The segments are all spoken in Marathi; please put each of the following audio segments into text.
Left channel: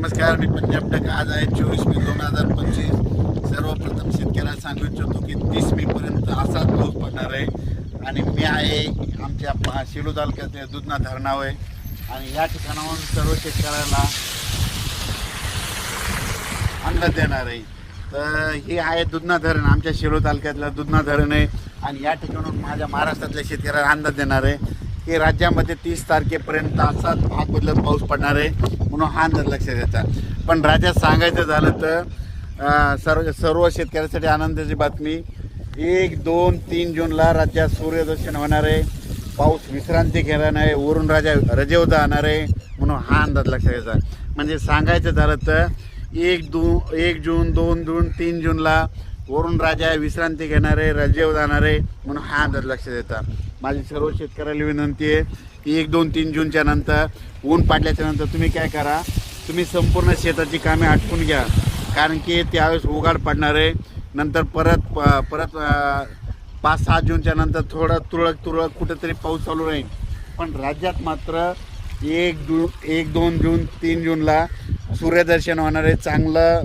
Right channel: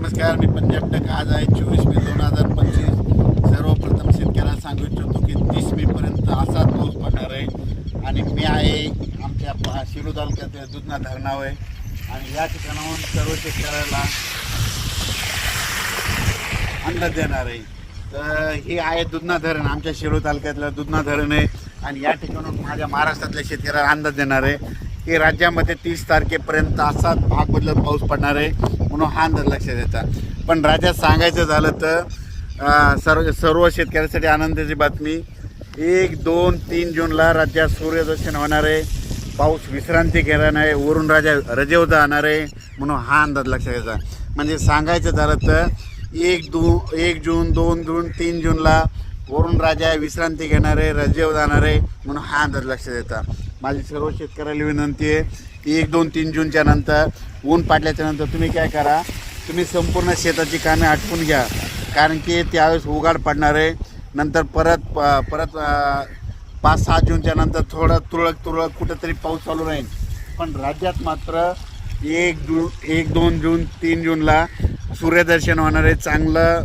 नमस्कार मी पंजाब टक आज आहे चोवीस मे दोन हजार पंचवीस. सर्वप्रथम शेतकऱ्याला सांगू इच्छितो की तीस मे पर्यंत असाच पाऊस पडणार आहे. आणि मी आहे आमच्या शिरू तालुक्यात दुधना धरणावर आहे. आणि या ठिकाणाहून सर्व शेतकऱ्याला अंदाज देणार आहे. तर हे आहे दुधना धरण आमच्या शिरो तालुक्यातलं दुधना धरण आहे. आणि या ठिकाणून माझ्या महाराष्ट्रातल्या शेतकऱ्याला अंदाज देणार आहे. की राज्यामध्ये तीस तारखेपर्यंत असाच भाग बदलत पाऊस पडणार आहे म्हणून हा अंदाज लक्षात येतात पण राज्यात सांगायचं झालं तर सर्व सर्व शेतकऱ्यासाठी आनंदाची बातमी एक दोन तीन जूनला राज्यात सूर्यदर्शन होणार आहे. पाऊस विश्रांती घेणार आहे. वरून राजा रजेवर जाणार आहे म्हणून हा अंदाज लक्षात घ्यायचा म्हणजे सांगायचं झालं तर एक दू एक जून दोन जून तीन जूनला वरून राजा विश्रांती घेणारे रजेव जाणारे म्हणून हा अंदाज लक्षात येतात माझी सर्व शेतकऱ्याला विनंती आहे की एक दोन तीन जूनच्या नंतर ऊन पाडल्याच्या नंतर तुम्ही काय करा तुम्ही संपूर्ण शेताची कामे आटपून घ्या. कारण की त्यावेळेस उघाड पडणार आहे. नंतर परत प- परत पाच सहा जूनच्या नंतर थोडं तुरळक तुरळक कुठेतरी पाऊस चालू राहील. पण राज्यात मात्र एक जून एक दोन जून तीन जूनला सूर्यदर्शन होणार आहे. चांगलं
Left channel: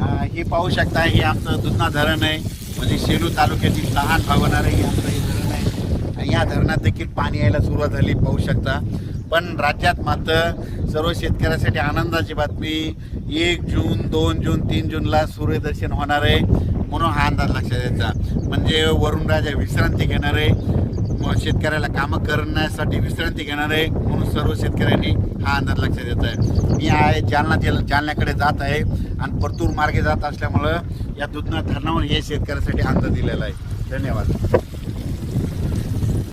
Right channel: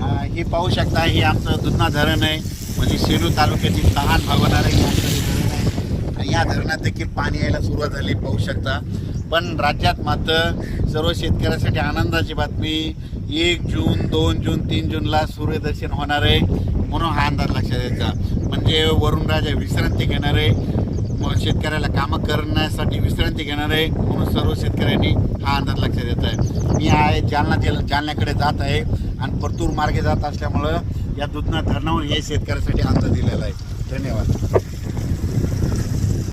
हे पाहू शकता हे आमचं दुधना धरण आहे. म्हणजे सेलू तालुक्यातील लहान भागवणार आहे हे आमचं हे धरण आहे. या धरणात देखील पाणी यायला सुरुवात झाली पाहू शकता. पण राज्यात मात्र सर्व शेतकऱ्यासाठी आनंदाची बातमी एक जून दोन जून तीन जूनला सूर्यदर्शन होणार आहे म्हणून हा अंदाज लक्षात यायचा म्हणजे वरुण राजा विश्रांती घेणार आहे. शेतकऱ्याला कामं करण्यासाठी विश्रांती घेणार आहे म्हणून सर्व शेतकऱ्यांनी हा अंदाज लक्षात येत आहे. मी आहे जालना जिल्हा जालन्याकडे जात आहे आणि परतूर मार्गे जात असल्यामुळं या दुधना धरणावर हे शेतकऱ्यासाठी अंदाज दिलेला आहे. धन्यवाद.